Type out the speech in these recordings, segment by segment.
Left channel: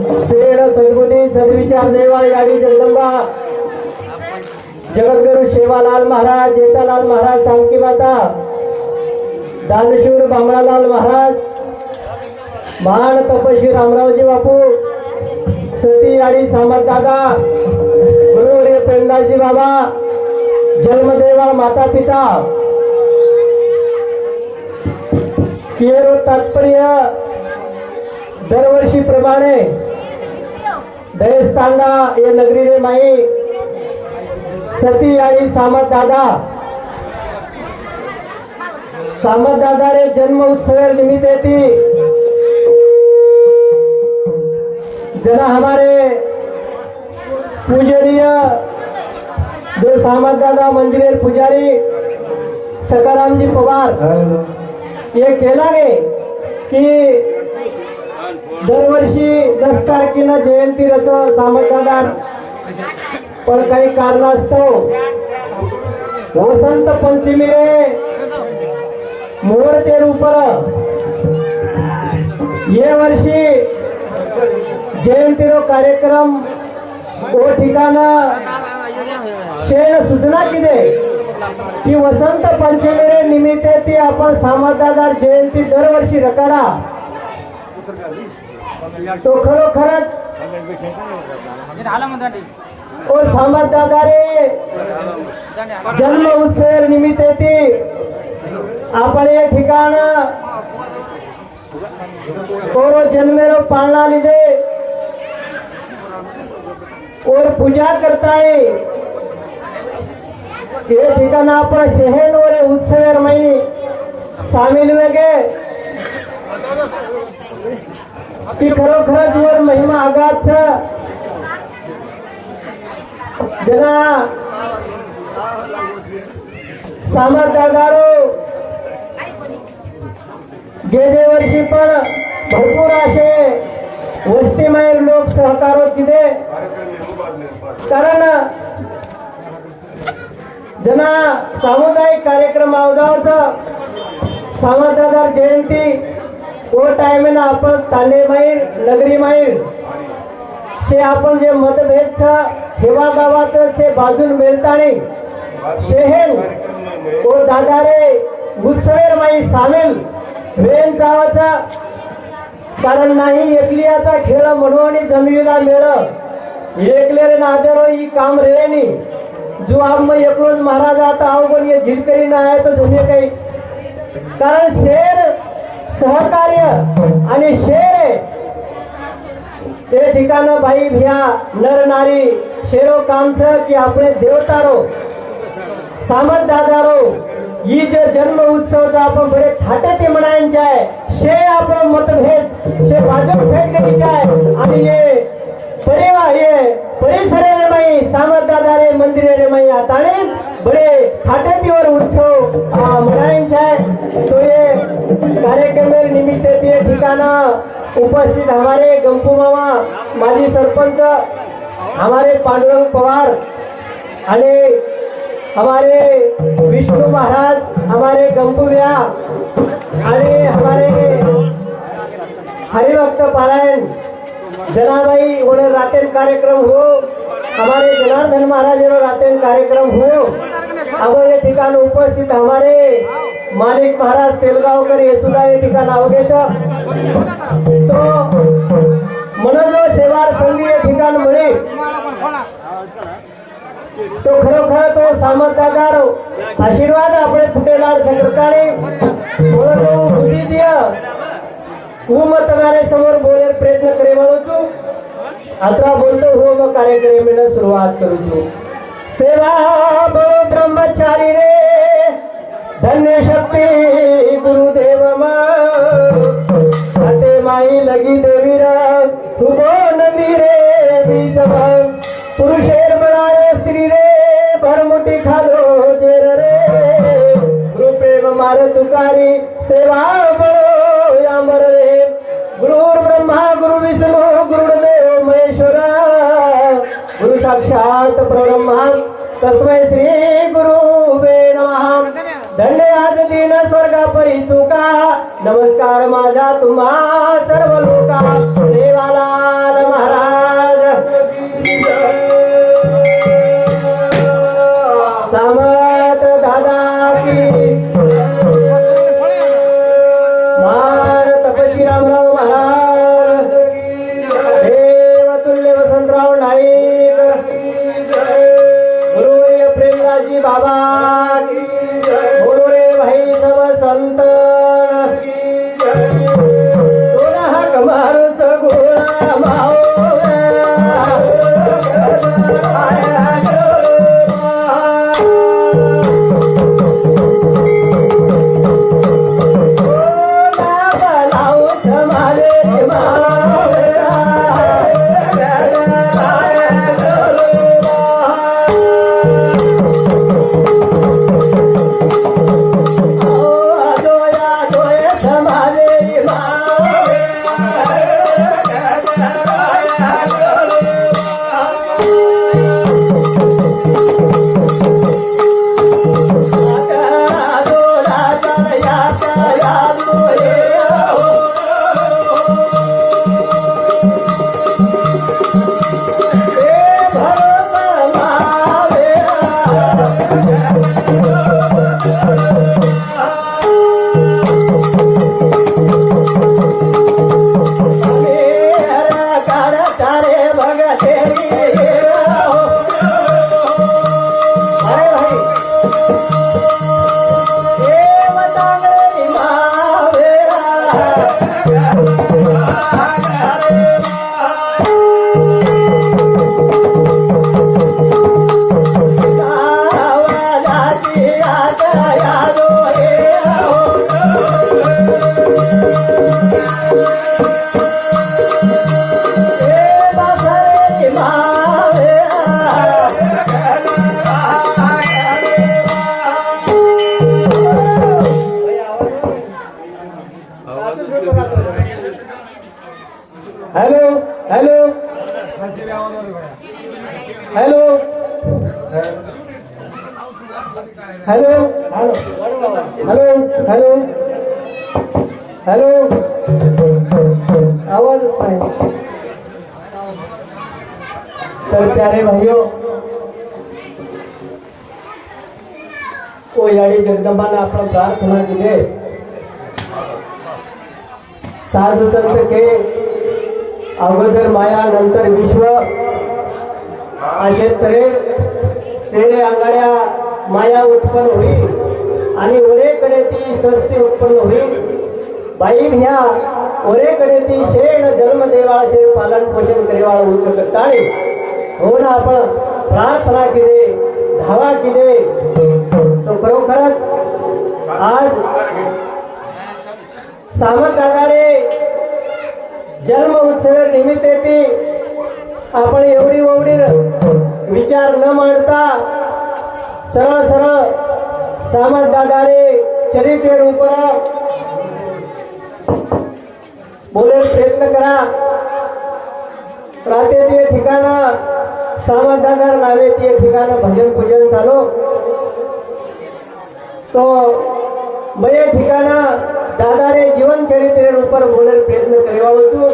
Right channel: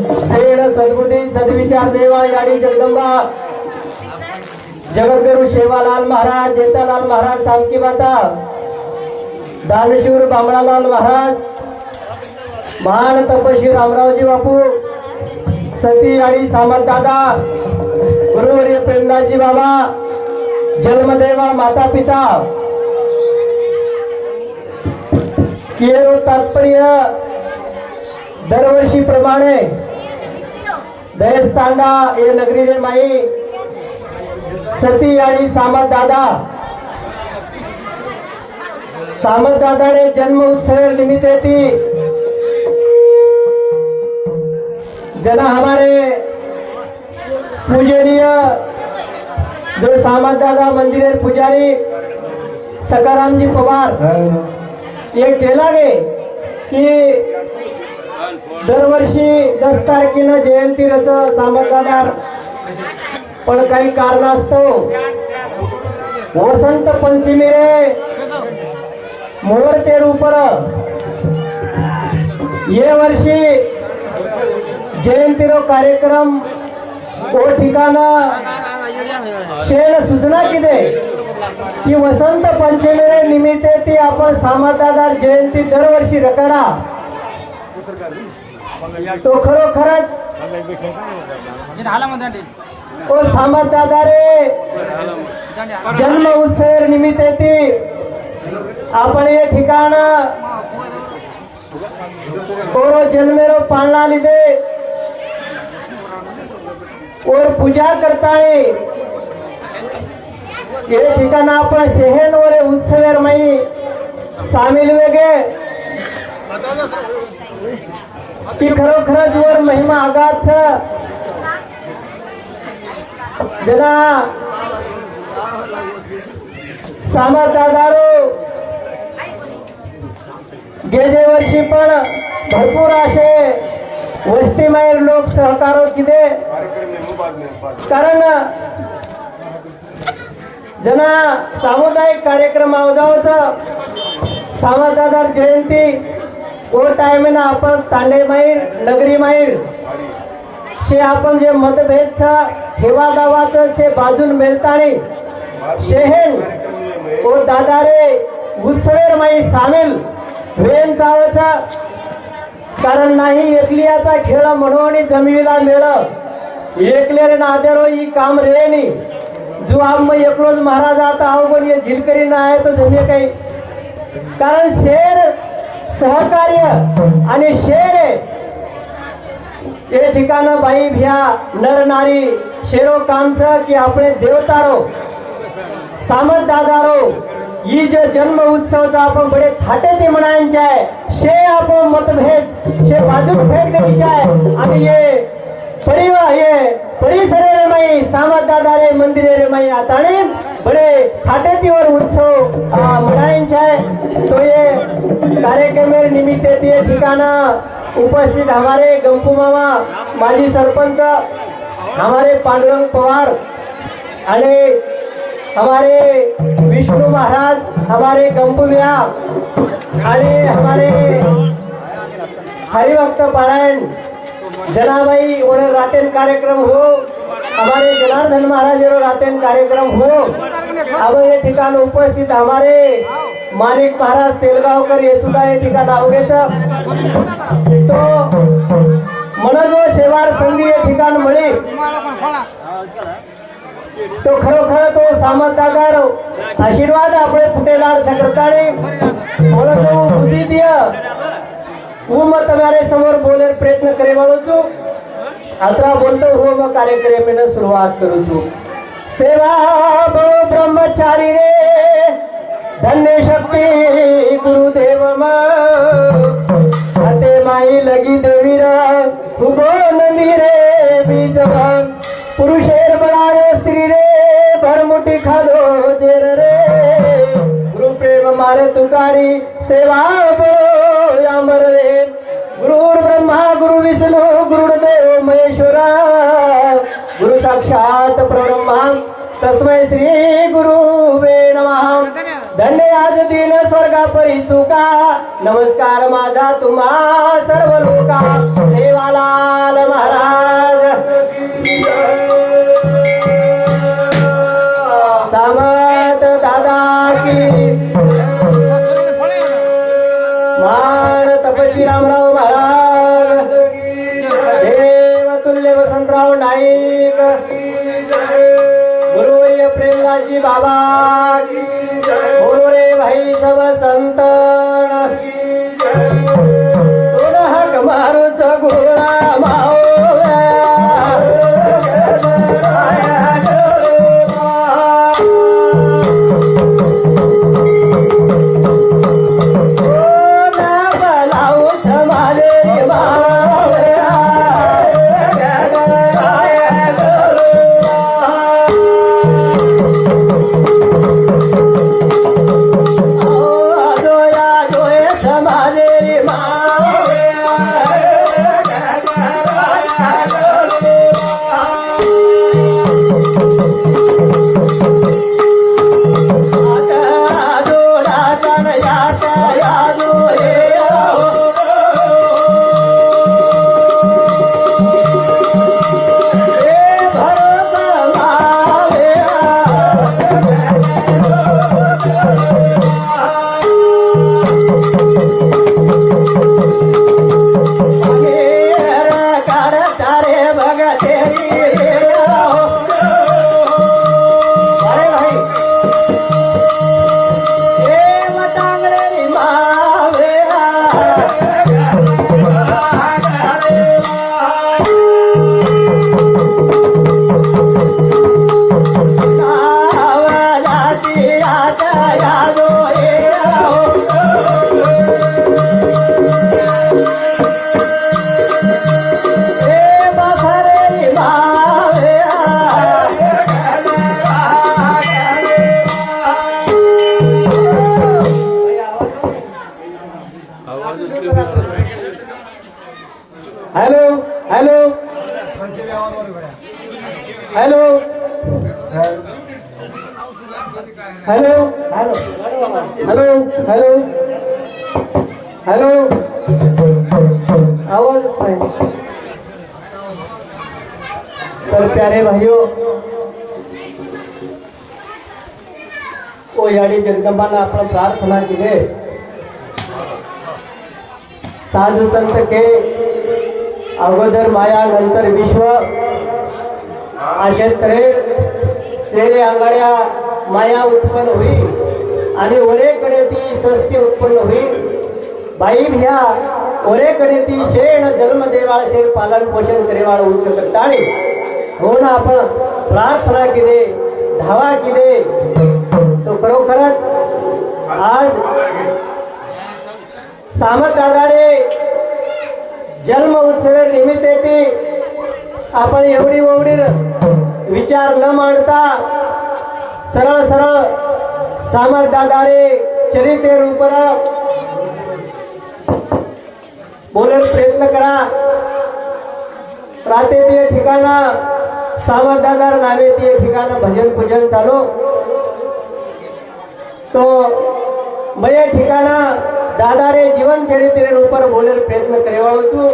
Sed सद्बुद्धी सद्विचार देवाळ गाडी जगदंबा. जगद्गुरु शेवालाल महाराज जेतालाल महाराज सामकी माता. दानशूर बामणालाल महाराज. महान तपशी रामरावजी बापू. सती आणि सामंत दादा. गुरुवर्य प्रेमदासजी बाबा. जन्मदेवा माता पिता. तात्पर्य तात्पर्य दरवर्षीप्रमाणे दयस्तांडा हे नगरीने माई सती आणि सामंत दादा. सामंत दादाने जन्म उत्सव निमित्त थी जना हमारे पूजनीय जो सामंत दादा मंदिर पुजारी सकाराम जी पवार ये केला गे की दरवर्षी दस तारखेला जयंती रच सामंतदादा पण काही कारणास्तव वसंत पंचमी रे. मुहूर्ते रूपर. ये वर्षी जयंतीरो कार्यक्रम. ओ ठिकाण. शेण सूचना किती की वसंत पंचमी रे निमित्त ती आपण सामंतदार जयंती दरवर्षी रकाडा तो खरोखरच ओ सामंतदारे जन्म उत्सव निमित्त ती आपण हे ठिकाण और जन्मेरो पाळणा લીધે और पूजा करताय. हे ठिकाण आपण शहर वर उत्सव माई. सामील वेगे की खरोखरच वर महिमा आगाच जरा सामर्थ्यादारो गेले वर्षी पण भरपूर असे वस्तीमय लोक सहकारो किदे कारण जना सामुदायिक कार्यक्रम अवजावच सामर्थ्यादार जयंती ओ ना आपण तांडे माहीर नगरी माहीर। शे आपण जे मतभेद छ हेवा गावाचं शे बाजून मेलताणी शेहेन ओ दादारे उत्सवेर माई सामील। वेन चावाचा कारण नाही एकलियाचा खेळ म्हणून जमिनीला मेळ एकले नादेरो हो, ही काम रेनी जो आम एकलोच महाराज आता अवघड ये झिलकरी ना आहे तो जमे काही कारण शेर सहकार्य आणि शेर आहे. ते ठिकाण बाई भिया नर नारी शेरो कामच की आपले देवतारो सामंत दादारो ही जे जन्म उत्सवचा आपण बडे थाटती म्हणायचे आहे. शे आपण मतभेद शे बाजू भेट घ्यायचे आहे. आणि ये परिवार ये परिसर रे माई दादा रे मंदिर रे माई आताने बडे थाटतीवर उत्सव आ, म्हणायचे तो ये कार्यक्रम निमित्त ते ठिकाना उपस्थित हमारे गंपू मामा माजी सरपंच हमारे पांडुरंग पवार आणि हमारे विष्णु महाराज हमारे गंपुव्या आणि हमारे हरिभक्त पारायण जनाबाई बड़े रातेन कार्यक्रम हो. हमारे जनार्दन महाराज रातेन कार्यक्रम हो. अब ये ठिकाण उपस्थित हमारे मानिक महाराज तेलगावकर हे सुद्धा हे ठिकाण अवघ्याचा तो मनोज शेवार संधी ये ठिकाण म्हणे. तो खरोखर तो सामर्थ्यागार आशीर्वाद आपले फुटेदार सकर्ताने म्हणून तो बुद्धी दिया હું માં તમારે સમોર બોલવાનો પ્રયત્ન કરી વાળો છું અથવા બોલતો હું માં કાર્યક્રમને શરૂઆત કરું છું સેવા બળો બ્રહ્મચારી રે ધન્ય શક્તિ ગુરુદેવ માં માઈ લગી દેવી રા ખુબો નંદી રે બીજવાન પુરુષેર બળારે સ્ત્રી રે ભરમુટી ખાધો ચેર રે ગુરુ પ્રેમ મારે તુકારી સેવા परी सुका नमस्कार माझा तुम्हा सर्व लोका देवालाल महाराज. सामत दादा की मान तपश्री रामराव महाराज. देव तुल्य वसंतराव नाईक. जगदंबानं आपण प्रार्थना दिले साधू संत के अगोदर माया नंतर विश्व असे त्रेस सेने आंगड्या माया उत्पन्न होईल आणि ओरेकडे ती सृष्टी उत्पन्न होईल बाई ह्या ओरेकडे ती शेण जन्म देवाळ शे पालन पोषण करेवाळ उच्च करताळे हो ना आपण प्रार्थना केले धावा किदे तो खरोखरच आज सामत दादारे जन्म उत्सवे निमित्त येते आपण एवढी एवढी विचार न मांडता सरळ सरळ सामत दादारे चरित्र रूपरा बोलायला प्रयत्न करा. राहते ते ठिकाणं सामंतागार नावे ते ठिकाणं भजन पूजन चालू. તો મેં ઠેકાણા દાદારે જીવન ચરિત્ર ઉપર બોલેલ પ્રયત્ન કરેવાળો છું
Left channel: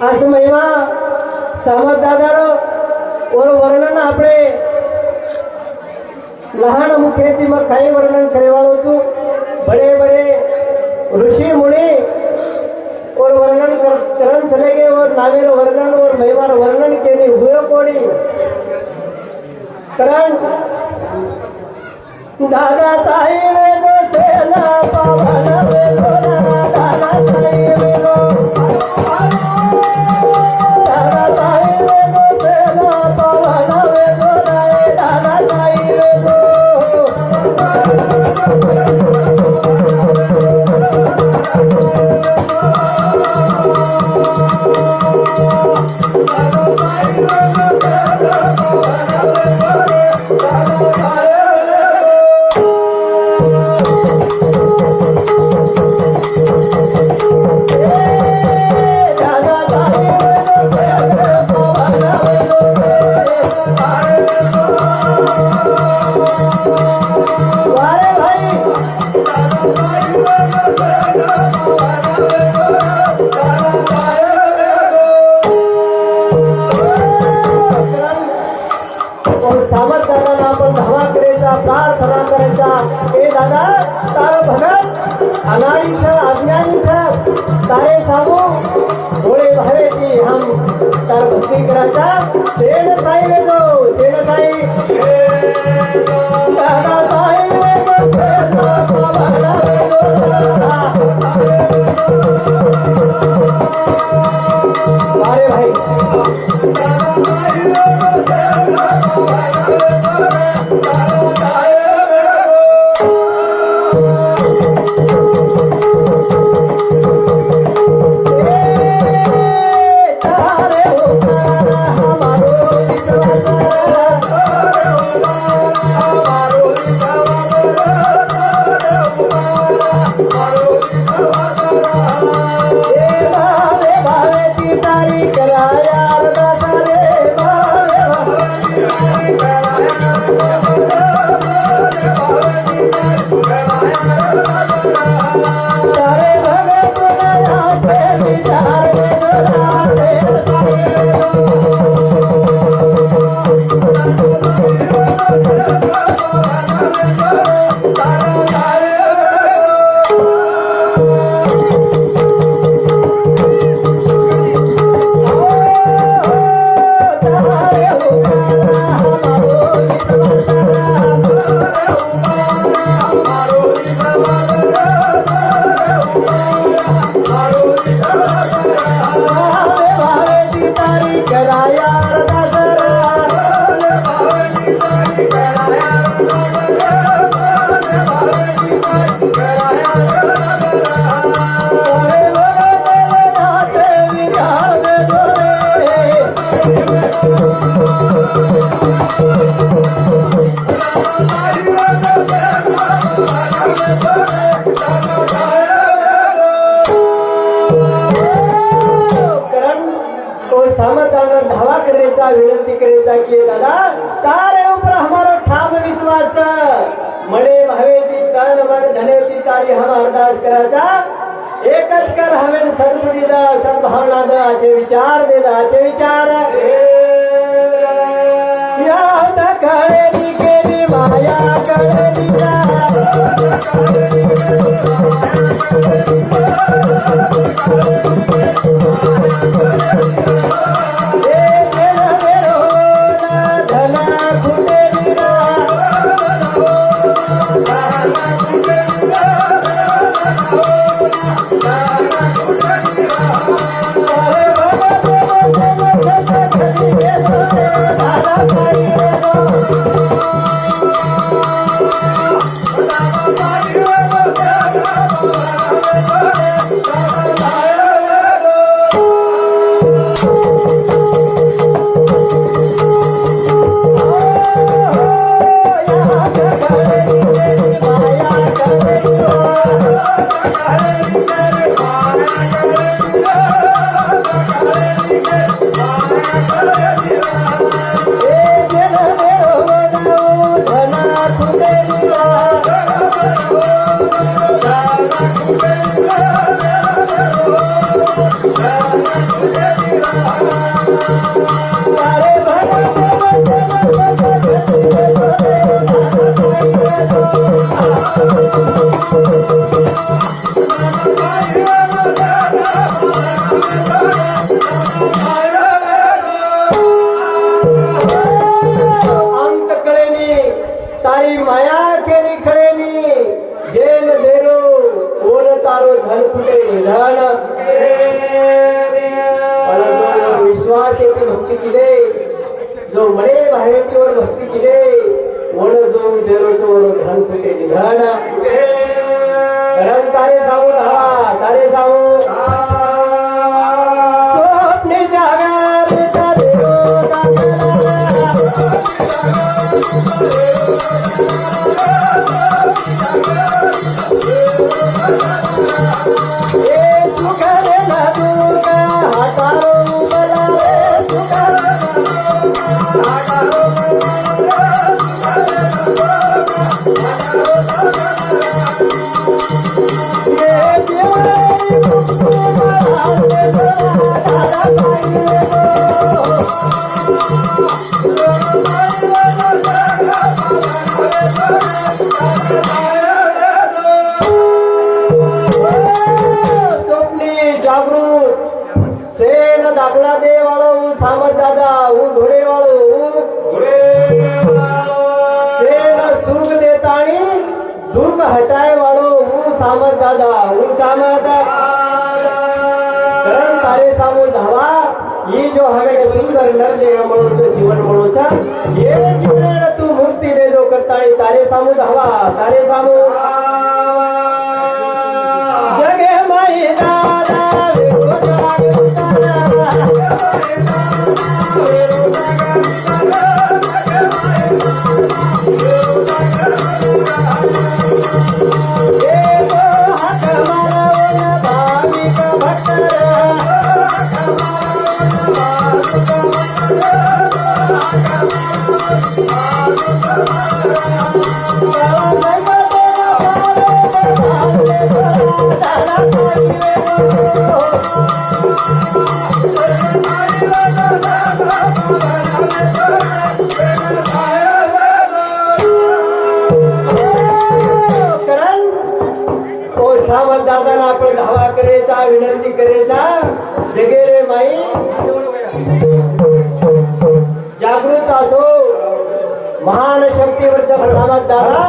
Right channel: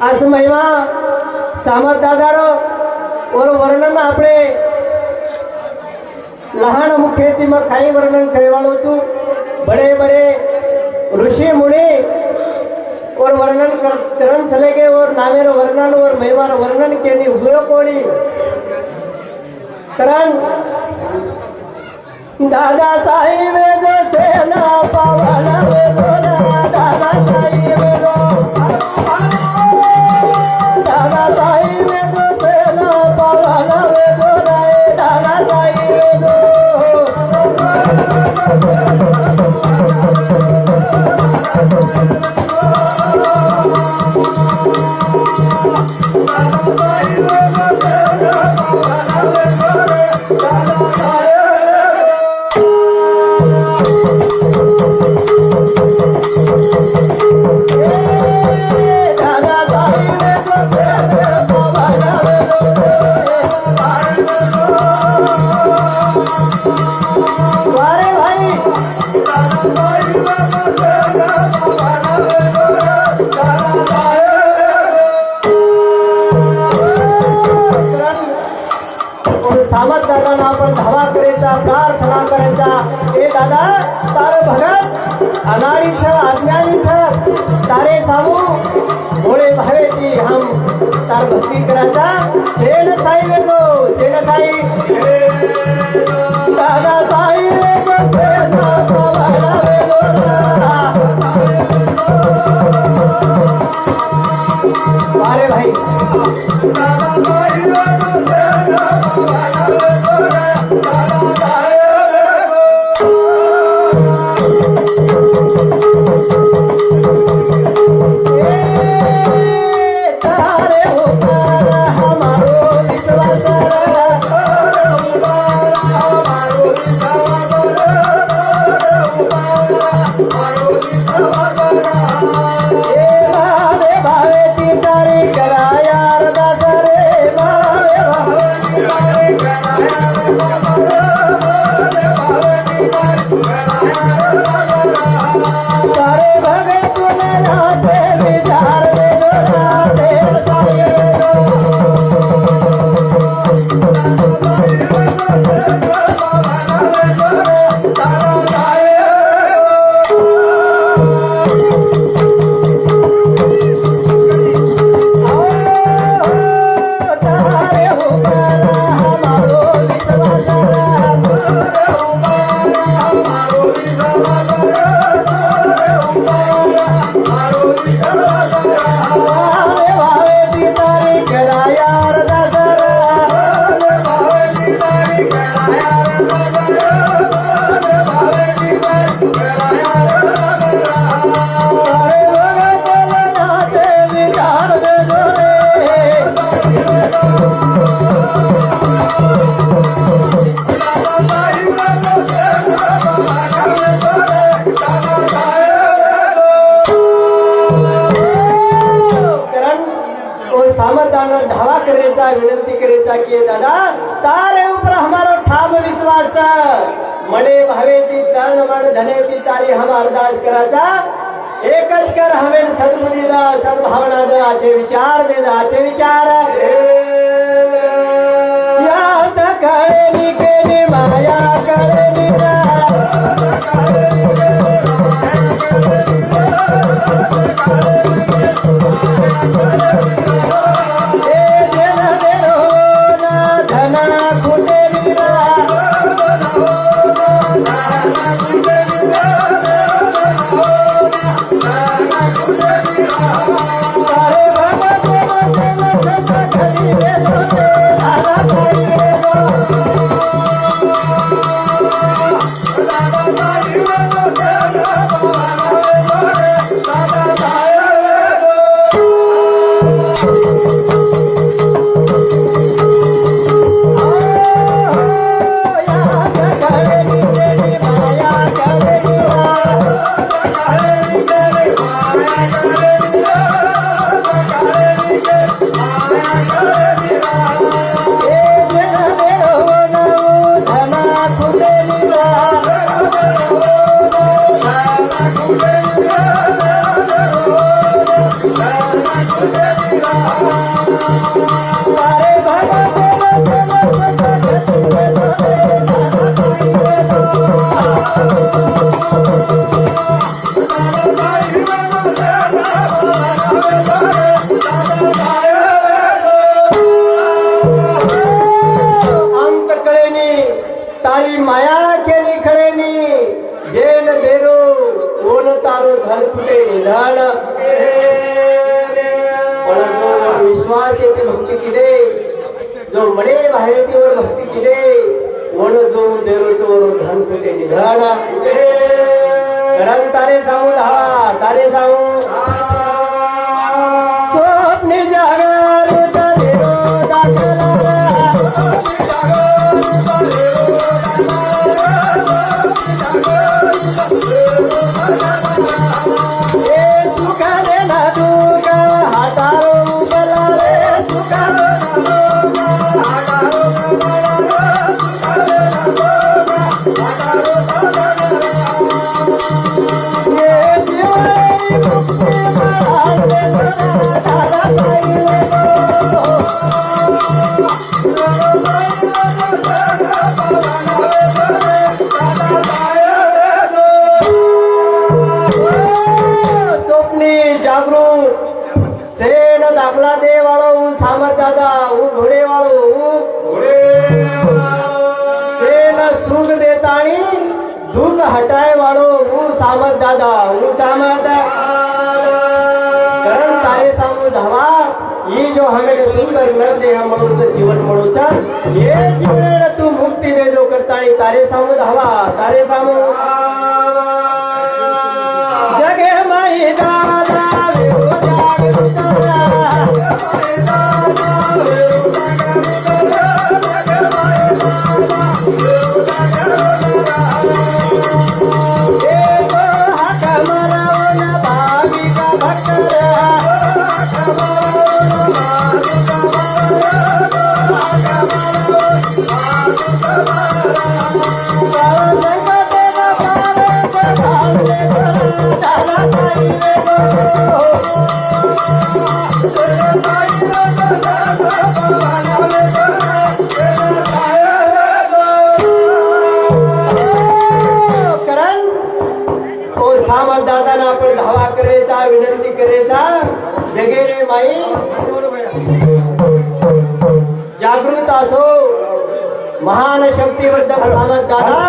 આ સમયમાં સામત દાદાનો ઓર વર્ણન આપણે લહાણ મુખ્યથી કઈ વર્ણન કરેવાળો છું બડે બડે ઋષિ મુનિ और वर्णन कर करण चले गए और नामेर वर्णन और महिमार वर्णन केनी हुए कोणी कारण दादा साई वेद सेना पवन दादा साई सामर्थ्यानं धावा करायचा विनंती करायचा की दादा तारे उपर हमारो ठाम विश्वास मने भावे ती दान मान धने ती तारी हम अरदास करायचा एकच कर हवेन सद्गुणी दा सद्भावना दा आचे विचार दे आचे विचार। Yeah. चटणी जागरूक सेन दाखला दे वाळो सामत दादा ऊ घोडे वाळो घोडे सेन सूर देताळी धूम हटाय वाळो ऊ सामत दादा ऊ सामत करण तारे सामू धावा. ये जो हमें सुंदर नर ले रमणोचं जीवन म्हणूचा ये जीवन तू मुक्ति दे जो करता तारे सामू धावा तारे सामू कारण जगे रे माई जागृत असो। महान शक्तिवर्धक सामंत दादा।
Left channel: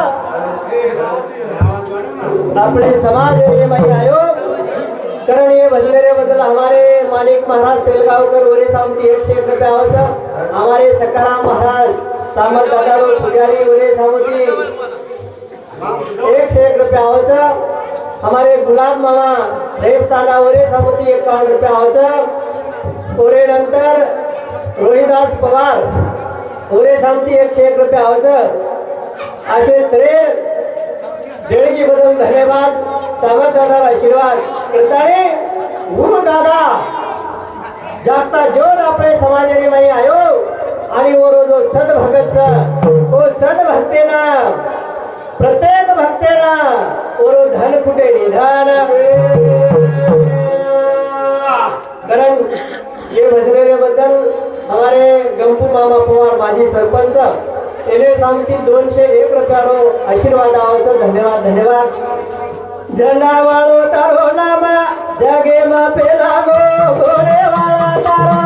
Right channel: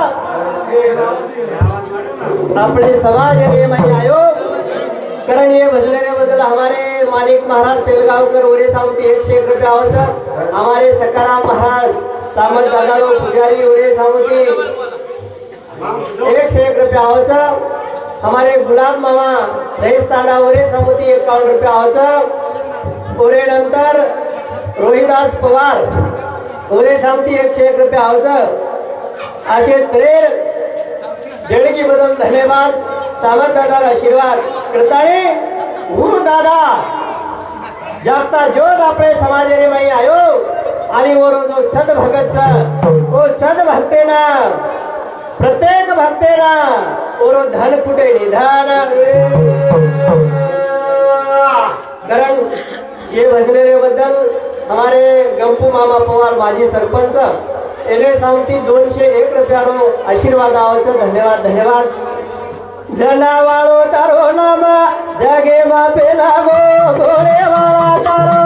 आपले समाज रे माई आयो। कारण हे बदलेरे बदल हमारे मानिक महाराज तेलगावकर ओरे सावती एकशे एक रुपये हमारे सकाराम महाराज सामर दादा पुजारी ओरे सावती। एकशे एक रुपया आवचा हमारे गुलाब मामा दहेज तांडावरे समुती एकावन्न रुपया आवचा ओरे नंतर रोहिदास पवार. ओरे सामती एकशे एक रुपये आवचं असे त्रेर देणगी बदल धन्यवाद. सावध आशीर्वाद. कृताने हू दादा. जागता ज्योत आपले समाजाने माई आयो. आणि वरो जो सद तो ना प्रत्येक भक्तेना ओरो धन कुठे निधान. कारण ये भजनेरे बद्दल हमारे गंपू मामा पवार माजी सरपंच એને सांगती दोनशे एक रुपयानो आशीर्वाद आवाचं धन्यवाद धन्यवाद. जनावाळो तारो नामा जगे मा पेला गो गोरे वाळा तारो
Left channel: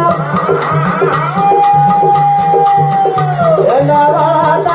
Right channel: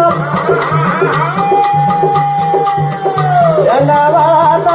जनावाळा